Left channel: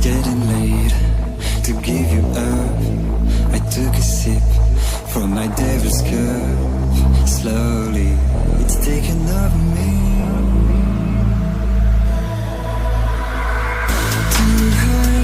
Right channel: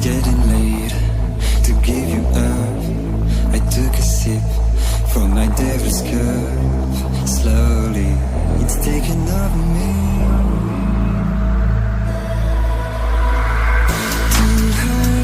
getting late to give you up. I took a sip from my devil's cup. Slowly, it's taking over me. Too high